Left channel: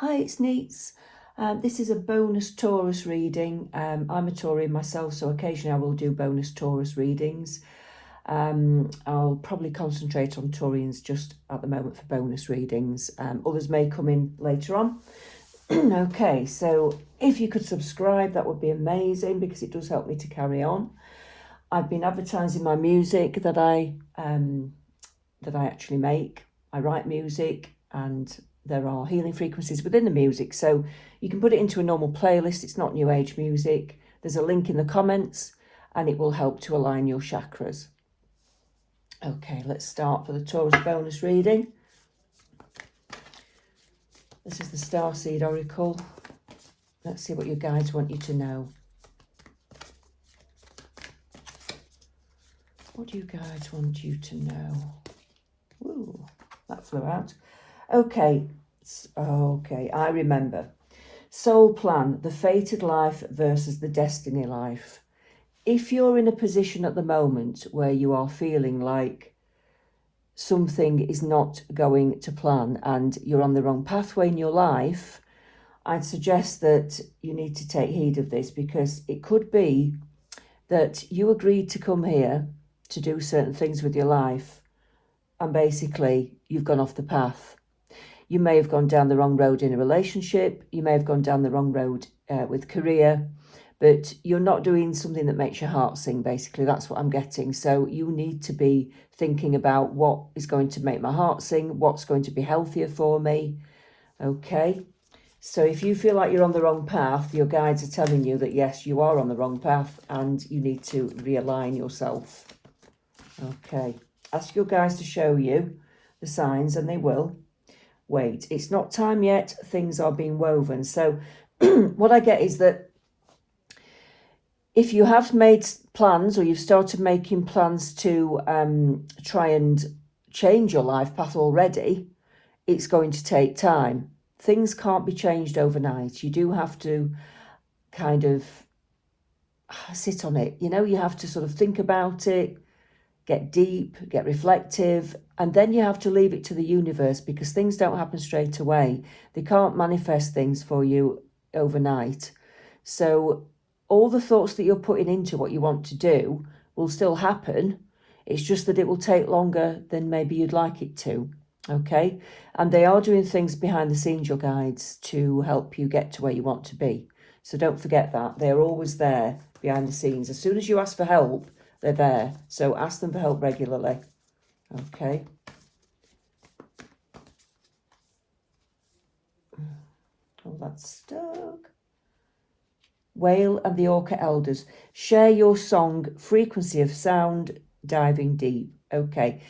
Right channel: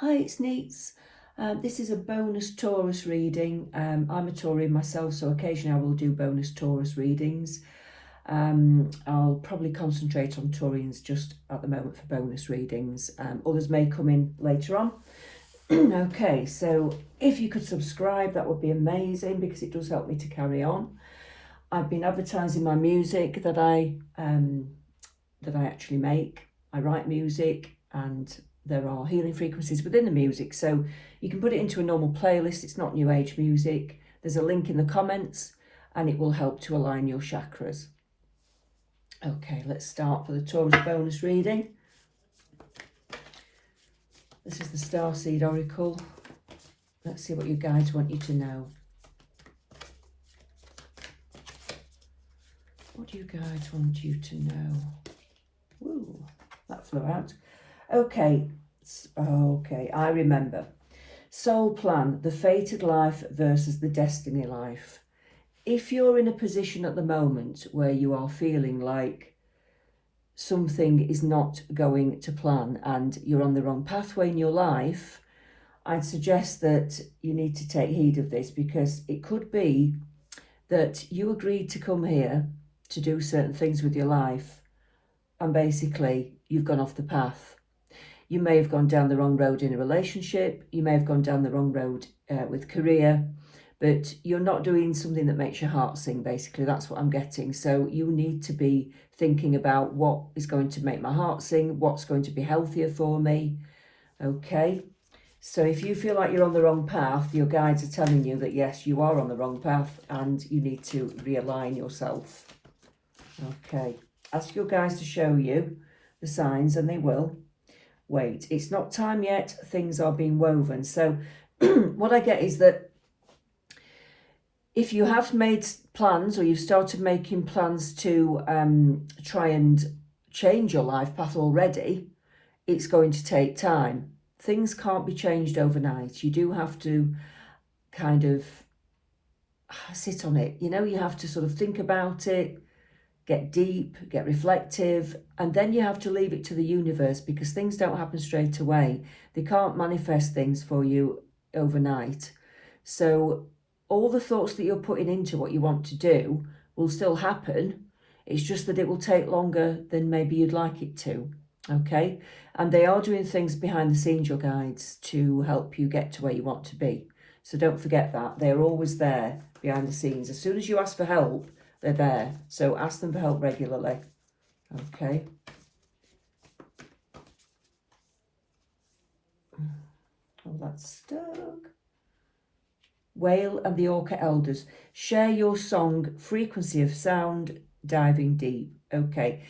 Hi, it's Neets. This is a bonus Taurus reading. I'm a Taurian myself, so occasionally I will do bonus Taurus readings. I'll probably concentrate on Taurians just at the moment for bonus readings. Others may come in later on. Okay, so if you could subscribe, that would be amazing because it does help me to carry on. I've been advertising my music that I actually make. I write music and there are healing frequencies within the music, so you can put it into a normal playlist. It's not new age music. There's a link in the comments and it will help to align your chakras. Okay, let's start for the Taurus bonus reading. This is the Starseed Oracle. Let's see what your guides want you to know. What do you guys want you to know? Ooh, that flew out. Okay, I remember. Soul plan, the fated life versus the destiny life. If you're in a position at the moment where you are feeling like something is not going to plan and you're on the wrong pathway in your life, I'd suggest that you need to take heed of this, because it could be that you agreed to come here to do certain things with your life and basically you've gone off the path. You may have gone down the wrong road in a relationship. You may have gone down the wrong road with career, but you're not doing something that makes your heart sing, basically. That's what I'm getting. So you need to be thinking about what is going to make my heart sing, what's going to be healthier for me. Okay. So if you feel like you're on the wrong path, your guides are telling you that, yes, you are on the wrong path and you need to realign yourself. Okay. Ask your guides to show you the signs and they will. Wait, it's not time yet. Things are being woven. So what I get is that if you have made plans or you've started making plans to try and change your life path already, it's going to take time. Things can't be changed overnight. You do have to kind of sit on it. You know, you have to sort of think about it, get deep, get reflective, and then you have to leave it to the universe, because things don't happen straight away. They can't manifest things for you overnight. So all the thoughts that you're putting into what you want to do will still happen. It's just that it will take longer than maybe you'd like it to. Okay? And they are doing things behind the scenes, your guides, to help you get to where you want to be. So don't forget that. They're always there behind the scenes. As soon as you ask for help, they're there. So ask them for help regularly. Okay. Oh, that's stuck. Whale and the Orca Elders. Share your song, frequency of sound, diving deep. Okay.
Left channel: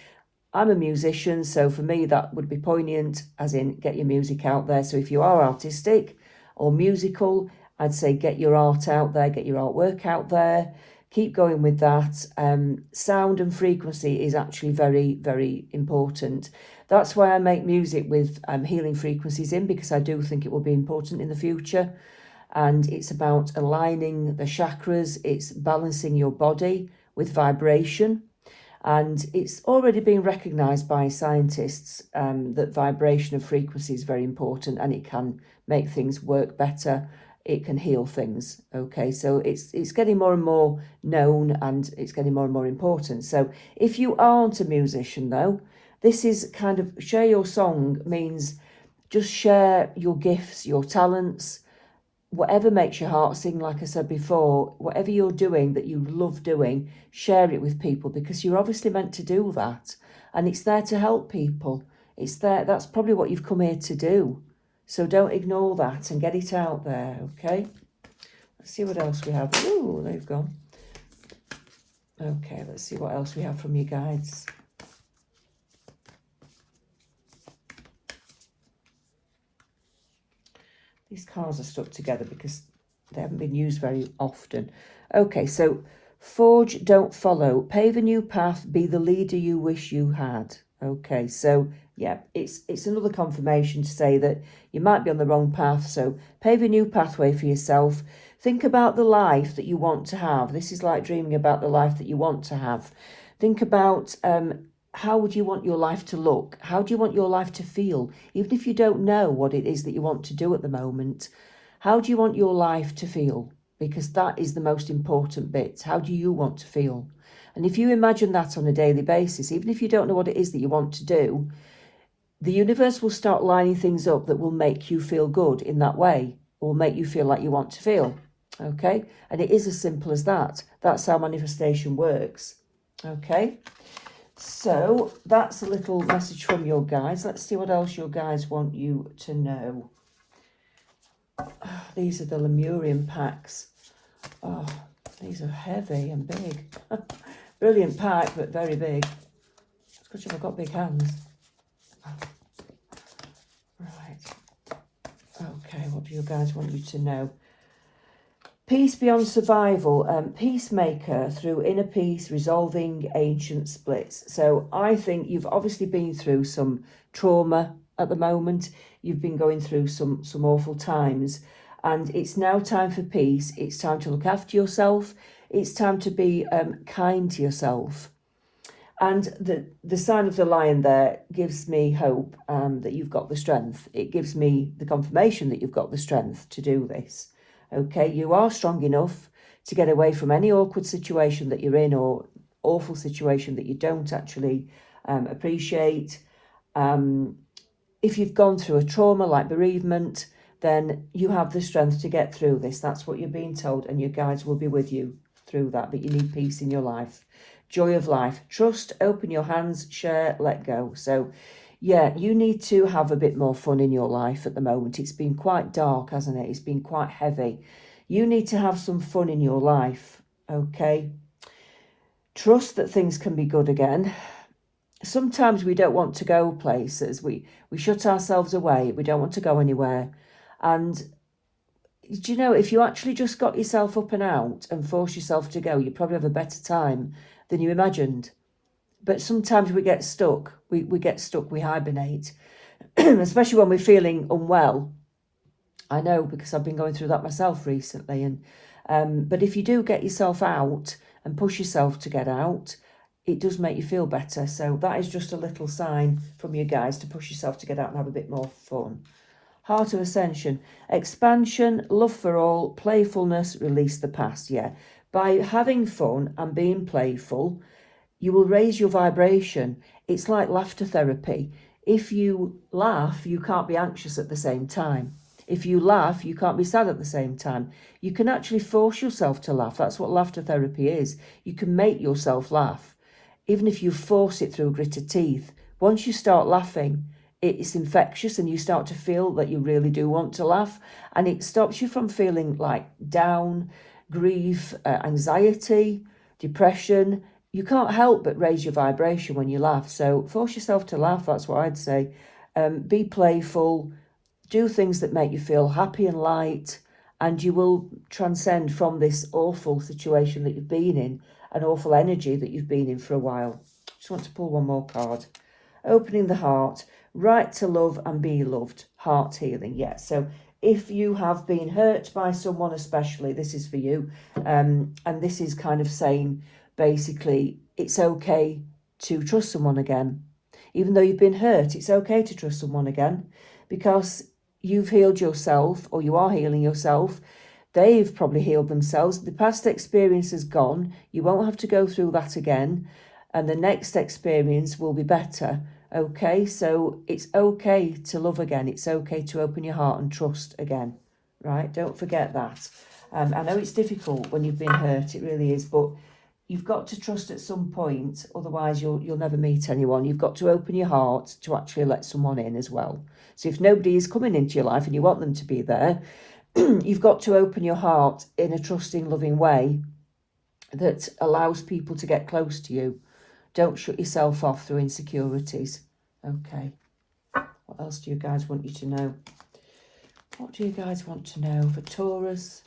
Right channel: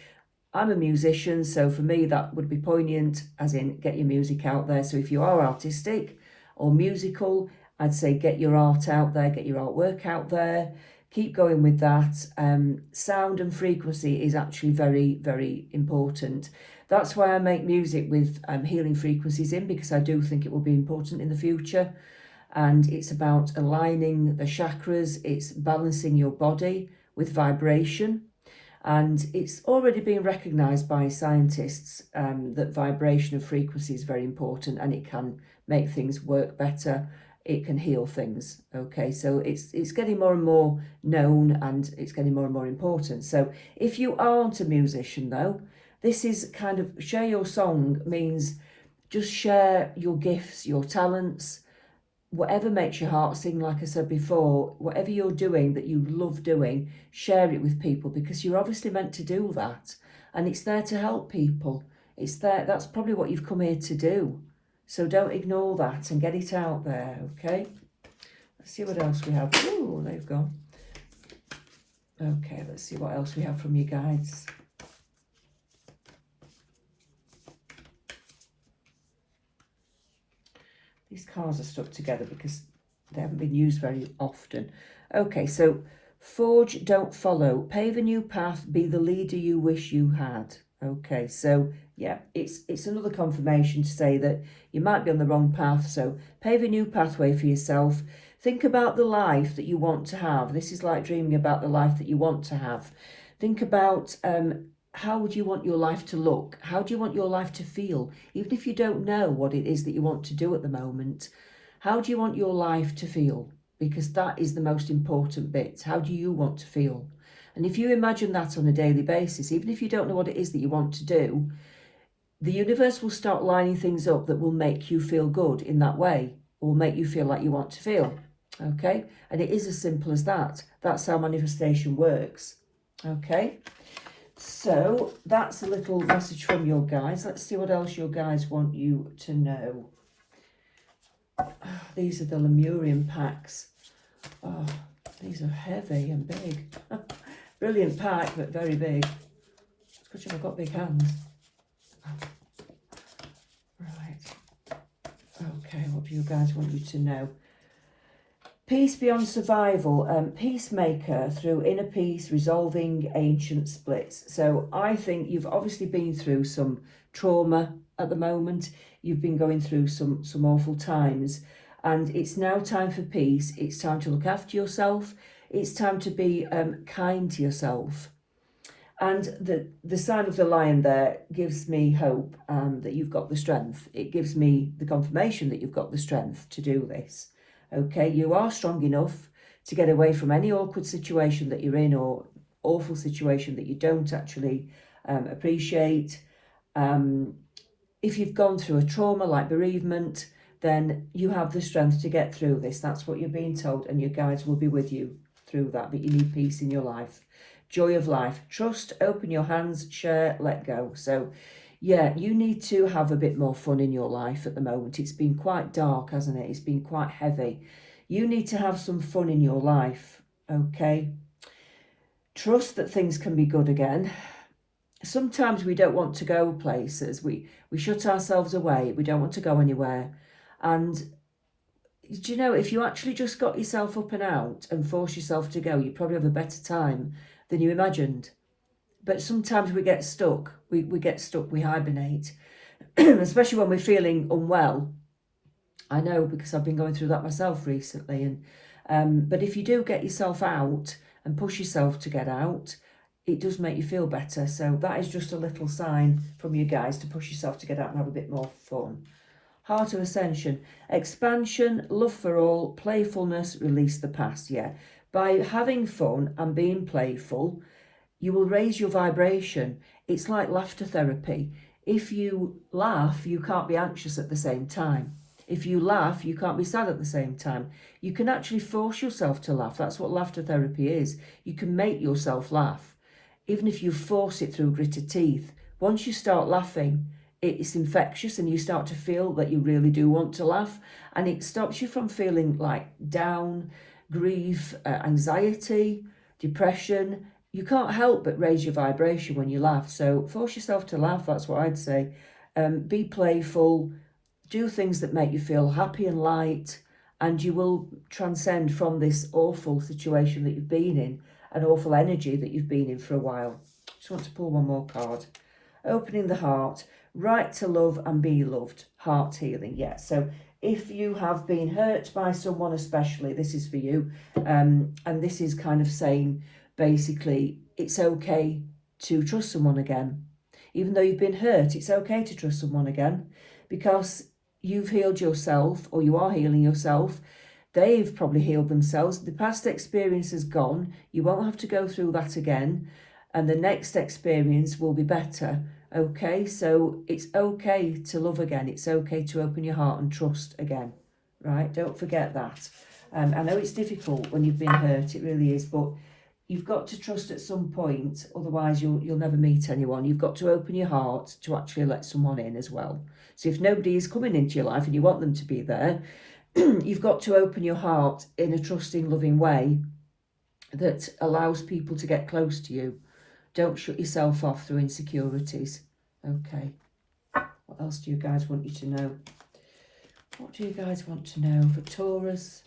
I'm a musician, so for me that would be poignant, as in get your music out there. So if you are artistic or musical, I'd say get your art out there, get your artwork out there. Keep going with that. Sound and frequency is actually very, very important. That's why I make music with healing frequencies in, because I do think it will be important in the future. And it's about aligning the chakras. It's balancing your body with vibration. And it's already been recognised by scientists that vibration of frequency is very important, and it can make things work better. It can heal things. Okay, so it's getting more and more known and it's getting more and more important. So if you aren't a musician though, this is kind of share your song means just share your gifts, your talents, whatever makes your heart sing. Like I said before, whatever you're doing that you love doing, share it with people, because you're obviously meant to do that and it's there to help people. It's there, that's probably what you've come here to do. So don't ignore that and get it out there, okay? Let's see what else we have. Ooh, they've gone. Okay, let's see what else we have from you guides. These cards are stuck together because they haven't been used very often. Okay, so forge, don't follow. Pave a new path, be the leader you wish you had. Okay, so yeah, it's another confirmation to say that you might be on the wrong path. So pave a new pathway for yourself. Think about the life that you want to have. This is like dreaming about the life that you want to have. Think about how would you want your life to look? How do you want your life to feel? Even if you don't know what it is that you want to do at the moment, how do you want your life to feel? Because that is the most important bit. How do you want to feel? And if you imagine that on a daily basis, even if you don't know what it is that you want to do, the universe will start lining things up that will make you feel good in that way, or will make you feel like you want to feel. Okay? And it is as simple as that. That's how manifestation works. Okay? So that's a little message from your guides. Let's see what else your guides want you to know. Oh, these are the Lemurian packs. Oh, these are heavy and big. Brilliant pack, but very big. It's because you've got big hands. Right. Okay, what do you guys want you to know? Peace beyond survival, peacemaker through inner peace, resolving ancient splits. So I think you've obviously been through some trauma at the moment. You've been going through some awful times, and it's now time for peace. It's time to look after yourself. It's time to be kind to yourself. And the sign of the lion there gives me hope that you've got the strength. It gives me the confirmation that you've got the strength to do this. Okay, you are strong enough to get away from any awkward situation that you're in, or awful situation that you don't actually appreciate. If you've gone through a trauma like bereavement, then you have the strength to get through this. That's what you're being told, and your guides will be with you through that. But you need peace in your life. Joy of life. Trust, open your hands, share, let go. So yeah, you need to have a bit more fun in your life at the moment. It's been quite dark, hasn't it? It's been quite heavy. You need to have some fun in your life, okay? Trust that things can be good again. Sometimes we don't want to go places. We shut ourselves away. We don't want to go anywhere. And do you know, if you actually just got yourself up and out and force yourself to go, you probably have a better time than you imagined. But sometimes we get stuck. We get stuck, we hibernate, especially when we're feeling unwell. I know, because I've been going through that myself recently. But if you do get yourself out and push yourself to get out, it does make you feel better. So that is just a little sign from you guys to push yourself to get out and have a bit more fun. Heart of Ascension, expansion, love for all, playfulness, release the past. Yeah, by having fun and being playful, you will raise your vibration. It's like laughter therapy. If you laugh, you can't be anxious at the same time. If you laugh, you can't be sad at the same time. You can actually force yourself to laugh. That's what laughter therapy is. You can make yourself laugh. Even if you force it through gritted teeth, once you start laughing, it's infectious and you start to feel that you really do want to laugh, and it stops you from feeling like down, grief, anxiety, depression. You can't help but raise your vibration when you laugh. So force yourself to laugh, that's what I'd say. Be playful, do things that make you feel happy and light, and you will transcend from this awful situation that you've been in, an awful energy that you've been in for a while. Just want to pull one more card. Opening the heart, right to love and be loved, heart healing. Yeah, so if you have been hurt by someone especially, this is for you. And this is kind of saying, basically, it's okay to trust someone again. Even though you've been hurt, it's okay to trust someone again, because you've healed yourself, or you are healing yourself. They've probably healed themselves. The past experience is gone. You won't have to go through that again. And the next experience will be better. Okay, so it's okay to love again. It's okay to open your heart and trust again. Right? Don't forget that. I know it's difficult when you've been hurt. It really is. But you've got to trust at some point. Otherwise, you'll never meet anyone. You've got to open your heart to actually let someone in as well. So if nobody is coming into your life and you want them to be there, you've got to open your heart in a trusting, loving way that allows people to get close to you. Don't shut yourself off through insecurities. Okay. What else do you guys want you to know? What do you guys want to know for Taurus?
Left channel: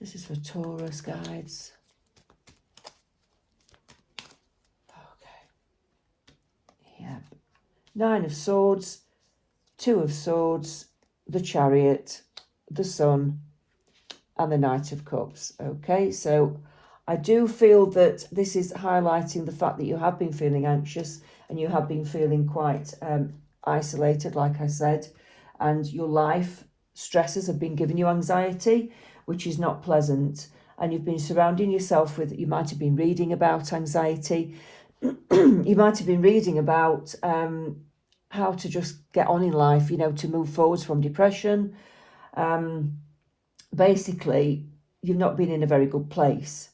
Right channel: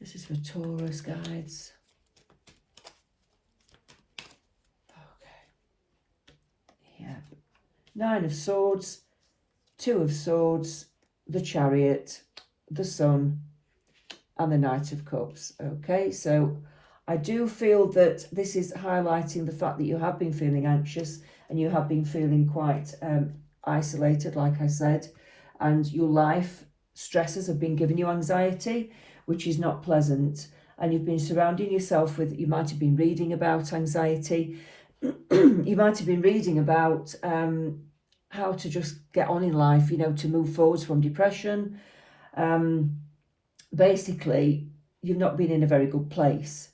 This is for Taurus, guides. Okay. Yeah. 9 of Swords, 2 of Swords, the Chariot, the Sun, and the Knight of Cups. Okay, so I do feel that this is highlighting the fact that you have been feeling anxious, and you have been feeling quite isolated, like I said, and your life stresses have been giving you anxiety, which is not pleasant. And you've been surrounding yourself with, you might have been reading about anxiety, you might have been reading about how to just get on in life, you know, to move forwards from depression. Basically, you've not been in a very good place.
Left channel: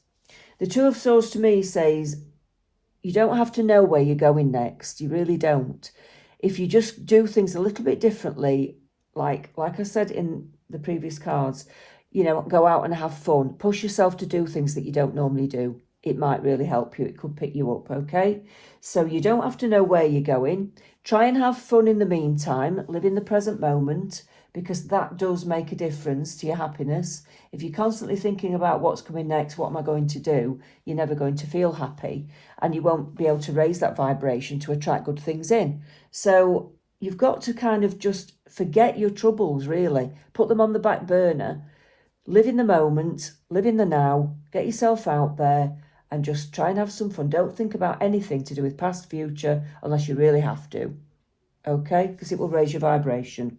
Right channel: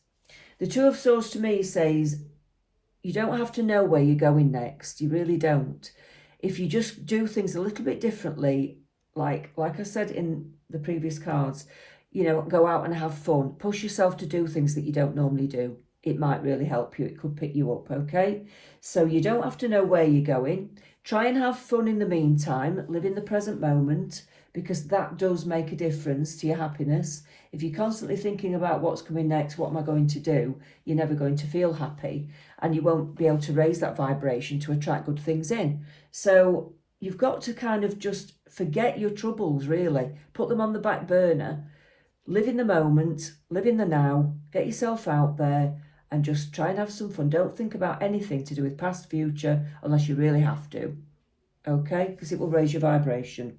The Two of Swords to me says you don't have to know where you're going next. You really don't. If you just do things a little bit differently, like I said in the previous cards, you know, go out and have fun. Push yourself to do things that you don't normally do. It might really help you. It could pick you up, okay? So you don't have to know where you're going. Try and have fun in the meantime. Live in the present moment, because that does make a difference to your happiness. If you're constantly thinking about what's coming next, what am I going to do, you're never going to feel happy, and you won't be able to raise that vibration to attract good things in. So you've got to kind of just forget your troubles, really. Put them on the back burner. Live in the moment, live in the now, get yourself out there and just try and have some fun. Don't think about anything to do with past, future, unless you really have to, okay? Because it will raise your vibration.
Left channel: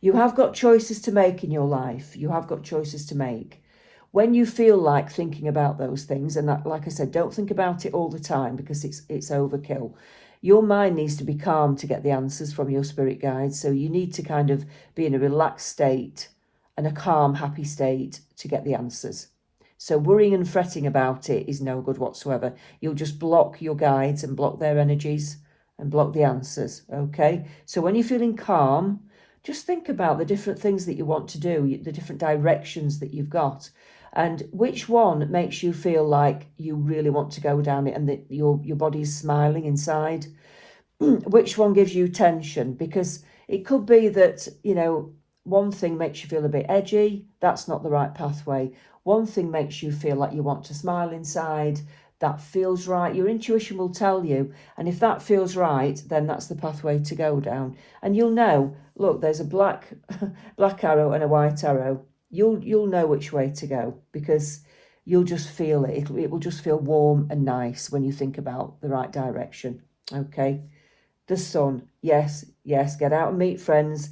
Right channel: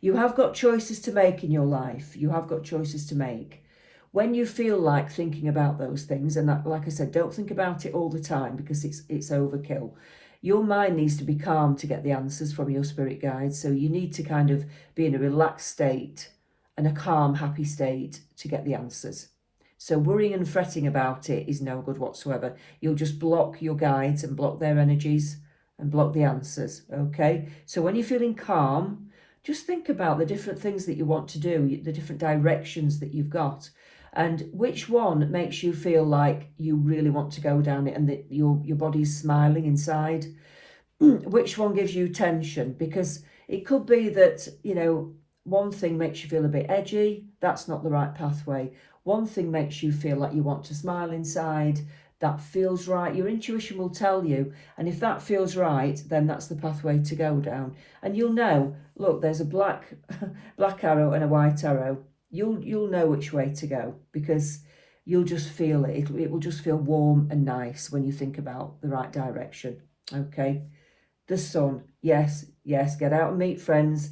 You have got choices to make in your life. You have got choices to make. When you feel like thinking about those things, and that, like I said, don't think about it all the time because it's overkill. Your mind needs to be calm to get the answers from your spirit guides. So you need to kind of be in a relaxed state and a calm, happy state to get the answers. So worrying and fretting about it is no good whatsoever. You'll just block your guides and block their energies and block the answers, okay? So when you're feeling calm, just think about the different things that you want to do, the different directions that you've got, and which one makes you feel like you really want to go down it and that your body's smiling inside. Which one gives you tension? Because it could be that, you know, one thing makes you feel a bit edgy. That's not the right pathway. One thing makes you feel like you want to smile inside. That feels right. Your intuition will tell you. And if that feels right, then that's the pathway to go down. And you'll know, look, there's a black arrow and a white arrow. You'll know which way to go because you'll just feel it. It will just feel warm and nice when you think about the right direction. Okay. The sun. Yes, get out and meet friends.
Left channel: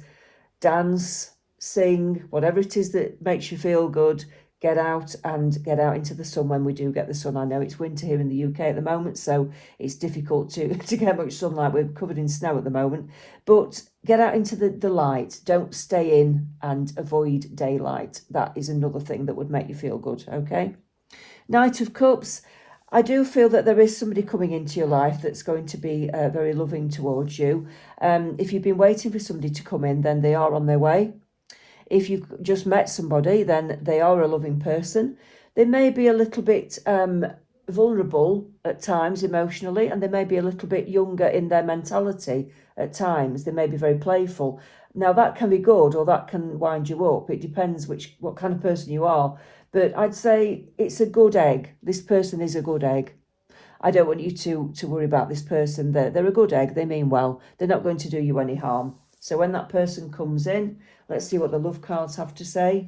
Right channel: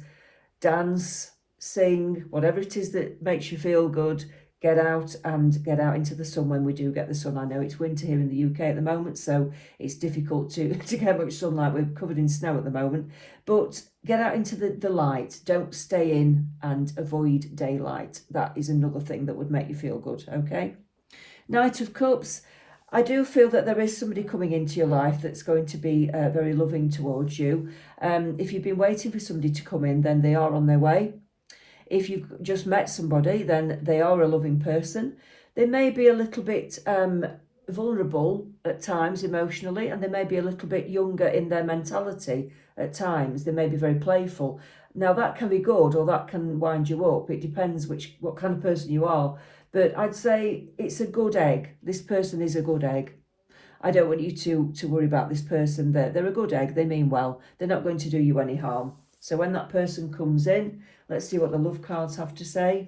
Dance, sing, whatever it is that makes you feel good. Get out into the sun when we do get the sun. I know it's winter here in the UK at the moment, so it's difficult to get much sunlight. We're covered in snow at the moment. But get out into the light. Don't stay in and avoid daylight. That is another thing that would make you feel good, okay? Knight of Cups. I do feel that there is somebody coming into your life that's going to be very loving towards you. If you've been waiting for somebody to come in, then they are on their way. If you've just met somebody, then they are a loving person. They may be a little bit vulnerable at times emotionally, and they may be a little bit younger in their mentality at times. They may be very playful. Now that can be good or that can wind you up. It depends what kind of person you are. But I'd say it's a good egg. This person is a good egg. I don't want you to worry about this person. They're a good egg. They mean well. They're not going to do you any harm. So when that person comes in, let's see what the love cards have to say.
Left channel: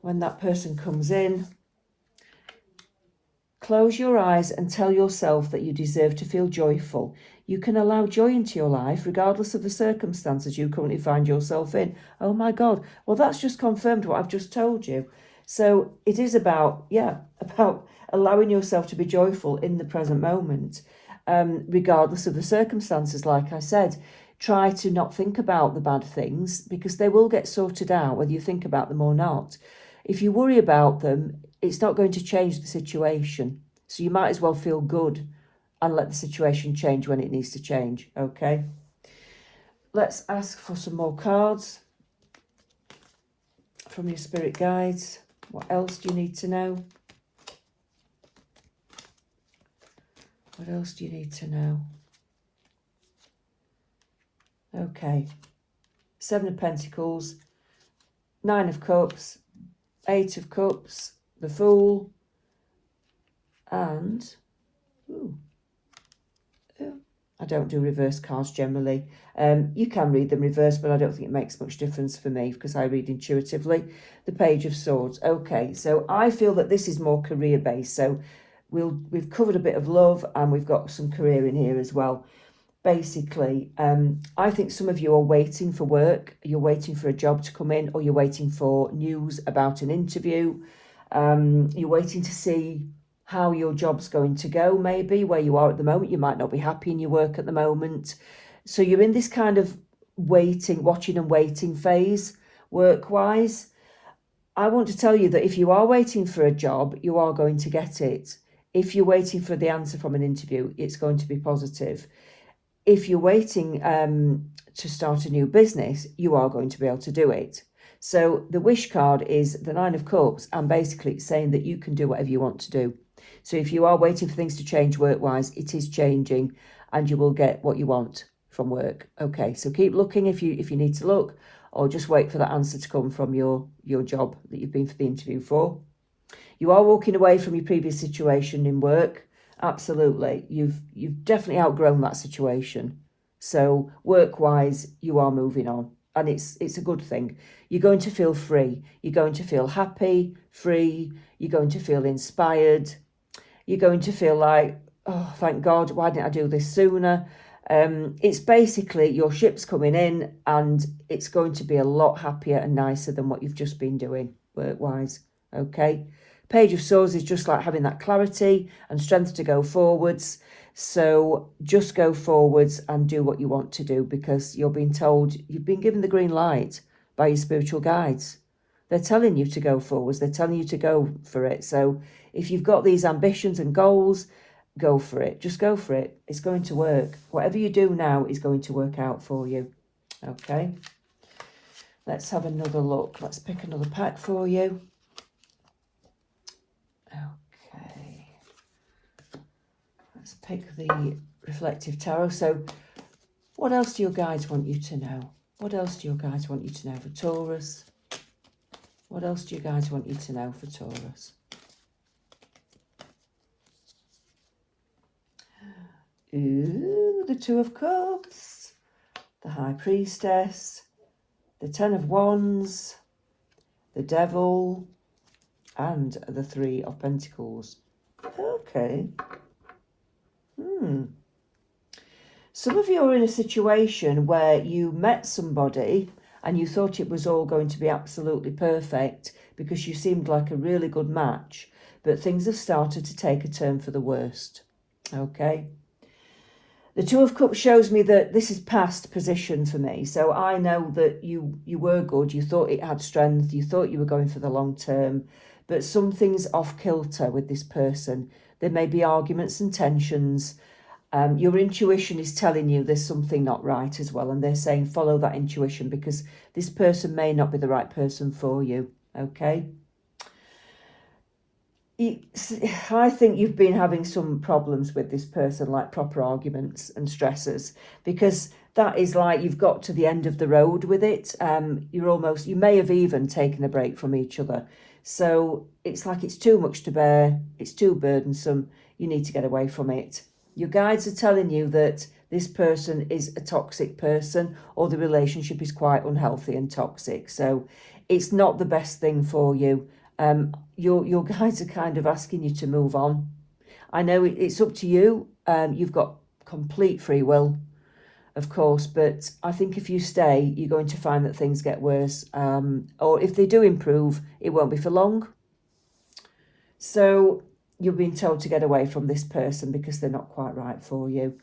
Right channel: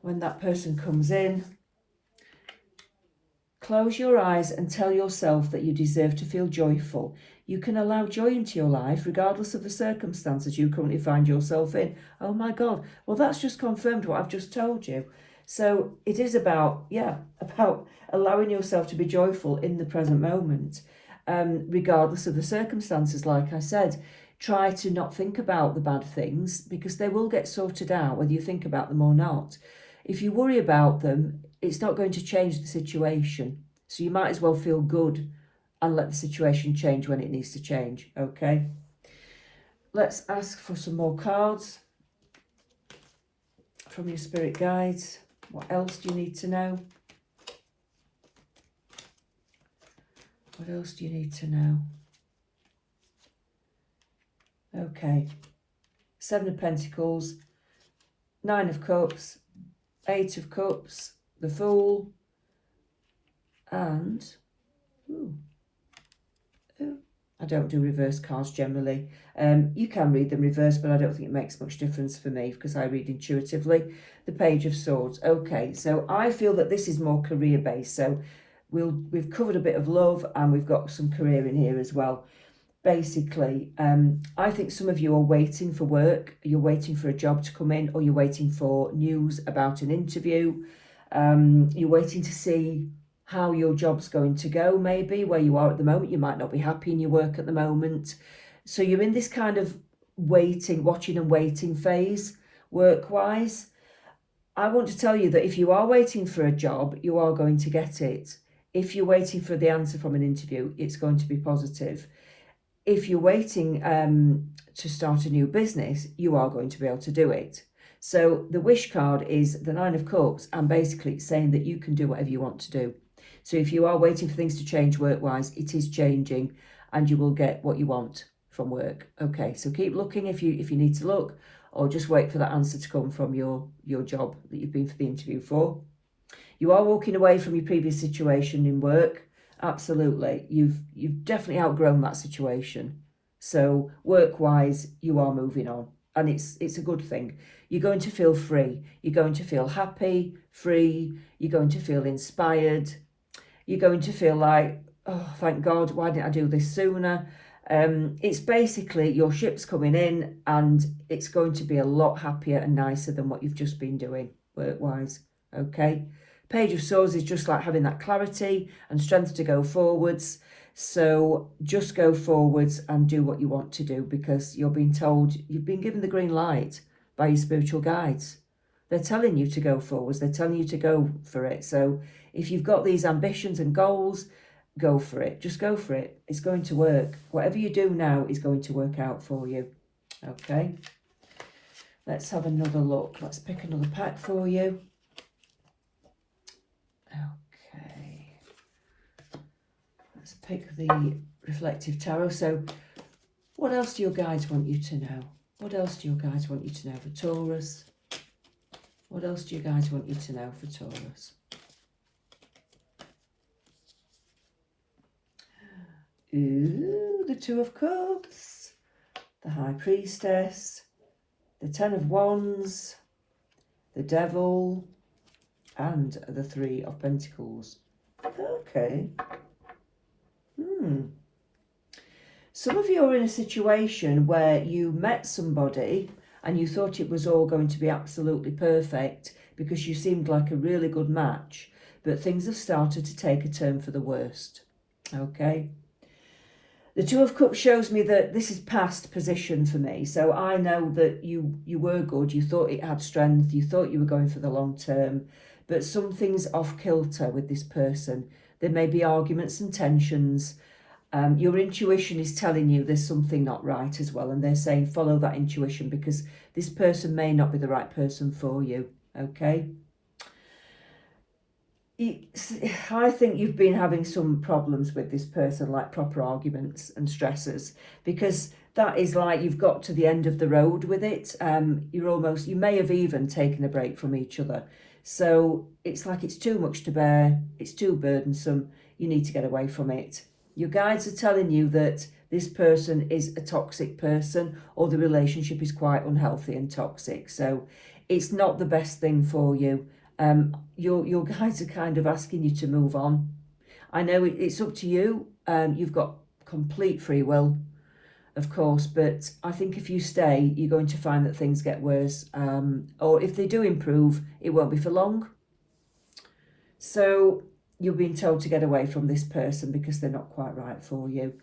When that person comes in, close your eyes and tell yourself that you deserve to feel joyful. You can allow joy into your life regardless of the circumstances you currently find yourself in. Oh my God. Well, that's just confirmed what I've just told you. So it is about allowing yourself to be joyful in the present moment, regardless of the circumstances. Like I said, try to not think about the bad things because they will get sorted out whether you think about them or not. If you worry about them, it's not going to change the situation. So you might as well feel good and let the situation change when it needs to change, okay? Let's ask for some more cards from your spirit guides. What else do you need to know? What else do you need to know? Okay. 7 of Pentacles, 9 of Cups, 8 of Cups, the Fool, and I don't do reverse cards generally. You can read them reverse, but I don't think it makes much difference for me because I read intuitively. The Page of Swords. Okay, so I feel that this is more career-based. So We've covered a bit of love, and we've got some career in here as well. Basically, I think some of you are waiting for work. You're waiting for a job to come in, or you're waiting for news about an interview. You're waiting to see how your job's going to go, maybe where you are at the moment. You might not be happy in your work at the moment. So you're in this kind of watching and waiting phase, work-wise. I want to tell you that if you are waiting for a job, you are going to get it. If you're waiting for the answer from an interview, it's going to be positive. If you're waiting to start a new business, you are going to be able to do it. So the wish card is the Nine of Cups, and basically it's saying that you can do whatever you want to do. So if you are waiting for things to change work-wise, it is changing, and you will get what you want from work. Okay, so keep looking if you need to look, or just wait for that answer to come from your job that you've been for the interview for. You are walking away from your previous situation in work. Absolutely. You've definitely outgrown that situation. So work-wise, you are moving on, and it's a good thing. You're going to feel free. You're going to feel happy, free. You're going to feel inspired. You're going to feel like, oh, thank God, why didn't I do this sooner? It's basically your ship's coming in, and it's going to be a lot happier and nicer than what you've just been doing work-wise. Okay. Page of Swords is just like having that clarity and strength to go forwards. So just go forwards and do what you want to do, because you're being told, you've been given the green light by your spiritual guides. They're telling you to go forwards. They're telling you to go for it. So if you've got these ambitions and goals, go for it. Just go for it. It's going to work. Whatever you do now is going to work out for you. Okay. Let's have another look. Let's pick another pack for you. Okay. Let's pick the reflective tarot. So what else do your guides want you to know? What else do your guides want you to know for Taurus? What else do your guides want you to know for Taurus? Ooh, the Two of Cups, the High Priestess, the Ten of Wands, the Devil, and the Three of Pentacles. Okay. Some of you are in a situation where you met somebody and you thought it was all going to be absolutely perfect because you seemed like a really good match, but things have started to take a turn for the worst. Okay. The Two of Cups shows me that this is past position for me. So I know that you were good. You thought it had strength. You thought you were going for the long term. But something's off kilter with this person. There may be arguments and tensions. Your intuition is telling you there's something not right as well. And they're saying follow that intuition, because this person may not be the right person for you. Okay. I think you've been having some problems with this person, like proper arguments and stresses, because that is like you've got to the end of the road with it. You may have even taken a break from each other. So it's like it's too much to bear. It's too burdensome. You need to get away from it. Your guides are telling you that this person is a toxic person, or the relationship is quite unhealthy and toxic. So it's not the best thing for you. Your guides are kind of asking you to move on. I know it's up to you. You've got complete free will, of course, but I think if you stay, you're going to find that things get worse. Or if they do improve, it won't be for long. So you're being told to get away from this person because they're not quite right for you.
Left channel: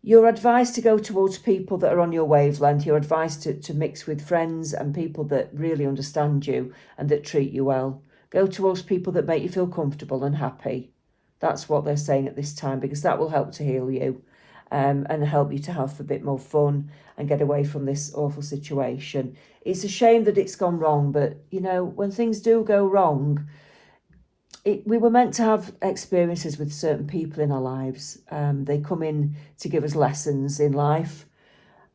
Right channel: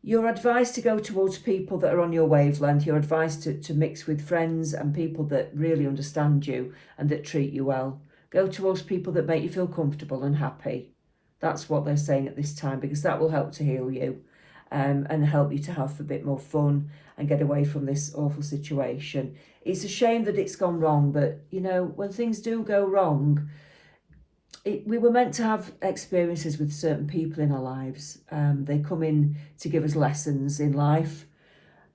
You're advised to go towards people that are on your wavelength. You're advised to mix with friends and people that really understand you and that treat you well. Go towards people that make you feel comfortable and happy. That's what they're saying at this time, because that will help to heal you and help you to have a bit more fun and get away from this awful situation. It's a shame that it's gone wrong, but, you know, when things do go wrong, we were meant to have experiences with certain people in our lives. They come in to give us lessons in life.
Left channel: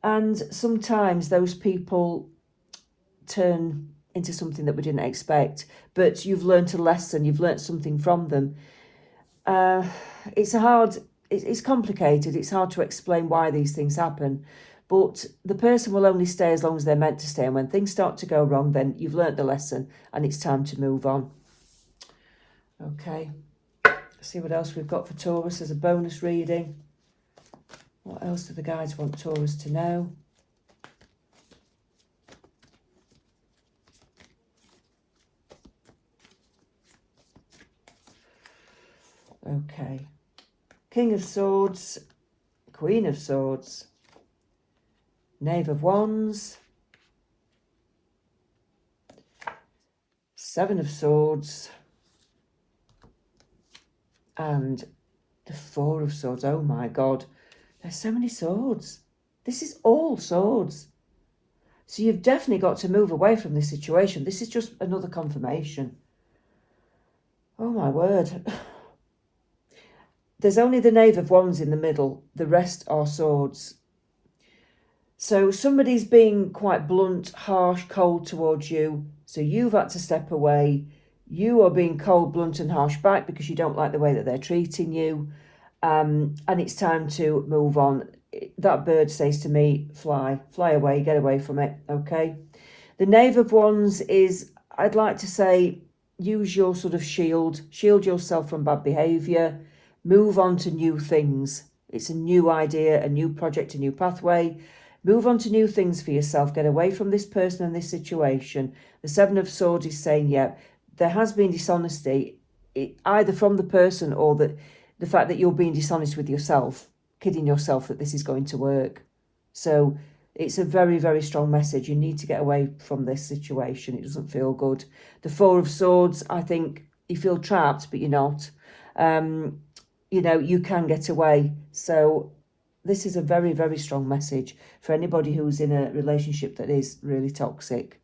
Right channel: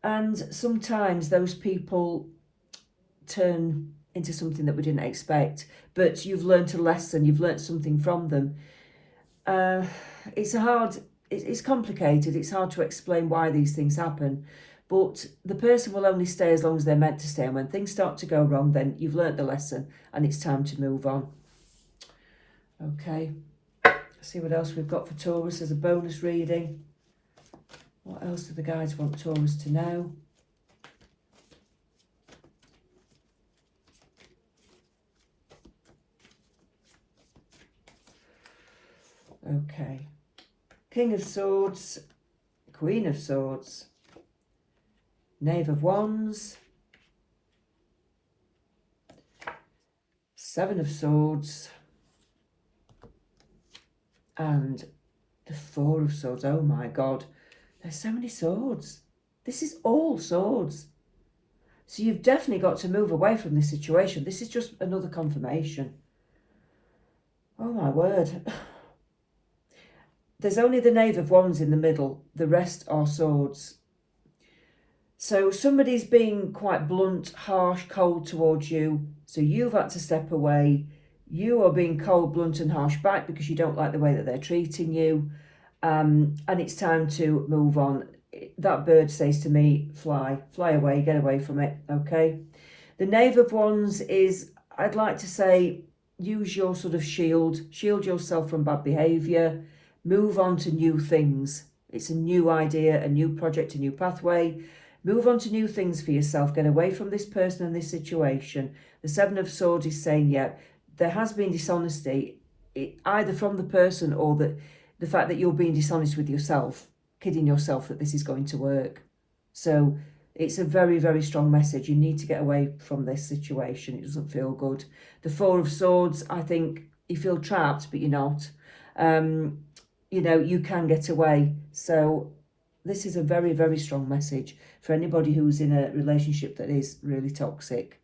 And sometimes those people turn into something that we didn't expect. But you've learned a lesson. You've learned something from them. It's complicated. It's hard to explain why these things happen. But the person will only stay as long as they're meant to stay. And when things start to go wrong, then you've learnt the lesson and it's time to move on. Okay, see what else we've got for Taurus as a bonus reading. What else do the guides want Taurus to know? Okay. King of Swords, Queen of Swords, Knave of Wands, Seven of Swords, and the Four of Swords. Oh my God, there's so many swords. This is all swords. So you've definitely got to move away from this situation. This is just another confirmation. Oh my word. There's only the Knave of Wands in the middle. The rest are swords. So somebody's being quite blunt, harsh, cold towards you. So you've had to step away. You are being cold, blunt and harsh back because you don't like the way that they're treating you. And it's time to move on. That bird says to me, fly away, get away from it, okay? The Knave of Wands is, I'd like to say, use your sort of shield yourself from bad behaviour, move on to new things. It's a new idea, a new project, a new pathway. Move on to new things for yourself. Get away from this person and this situation. The Seven of Swords is saying, yeah, there has been dishonesty, either from the person or the fact that you're being dishonest with yourself, kidding yourself that this is going to work. So it's a very, very strong message. You need to get away from this situation. It doesn't feel good. The Four of Swords, I think you feel trapped, but you're not. You know, you can get away. So this is a very, very strong message for anybody who's in a relationship that is really toxic.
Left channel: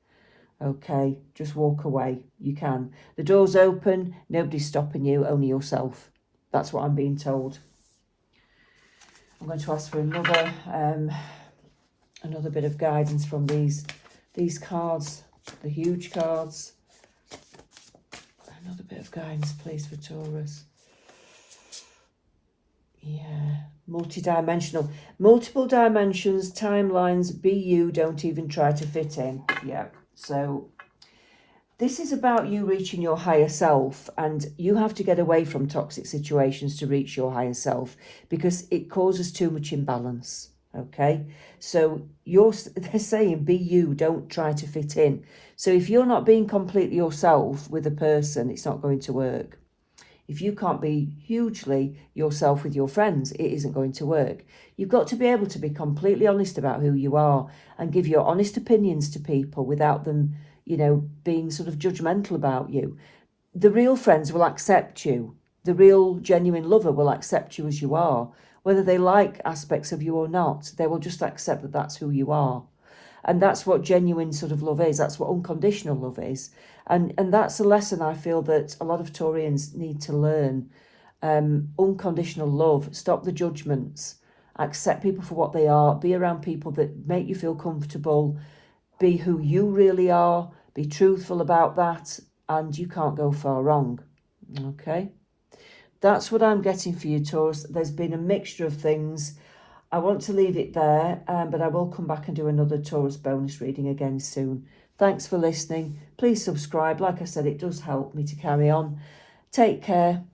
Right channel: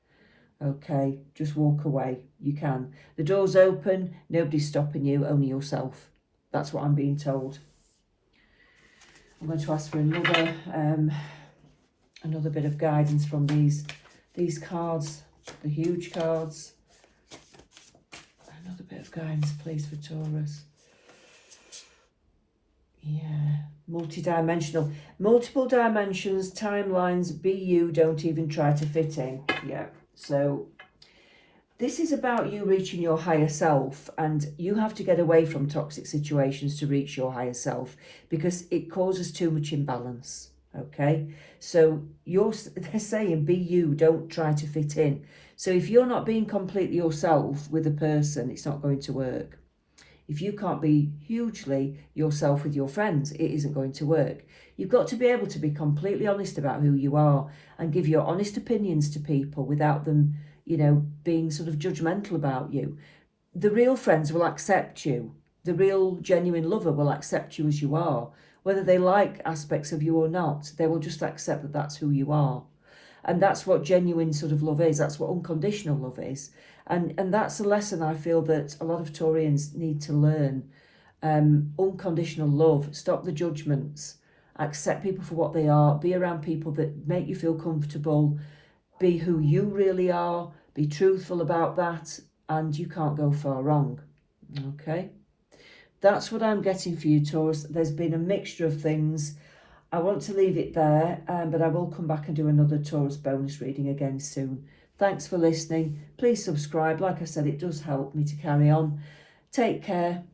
Okay, just walk away. You can. The door's open. Nobody's stopping you, only yourself. That's what I'm being told. I'm going to ask for another bit of guidance from these cards, the huge cards. Another bit of guidance, please, for Taurus. Yeah, multi-dimensional, multiple dimensions, timelines, be you, don't even try to fit in. Yeah, so this is about you reaching your higher self, and you have to get away from toxic situations to reach your higher self because it causes too much imbalance, okay? So they're saying be you, don't try to fit in. So if you're not being completely yourself with a person, it's not going to work. If you can't be hugely yourself with your friends, it isn't going to work. You've got to be able to be completely honest about who you are and give your honest opinions to people without them, you know, being sort of judgmental about you. The real friends will accept you. The real genuine lover will accept you as you are. Whether they like aspects of you or not, they will just accept that that's who you are. And that's what genuine sort of love is. That's what unconditional love is. And that's a lesson I feel that a lot of Taurians need to learn. Unconditional love. Stop the judgments. Accept people for what they are. Be around people that make you feel comfortable. Be who you really are. Be truthful about that. And you can't go far wrong. Okay? That's what I'm getting for you, Taurus. There's been a mixture of things. I want to leave it there, but I will come back and do another Taurus bonus reading again soon. Thanks for listening. Please subscribe. Like I said, it does help me to carry on. Take care.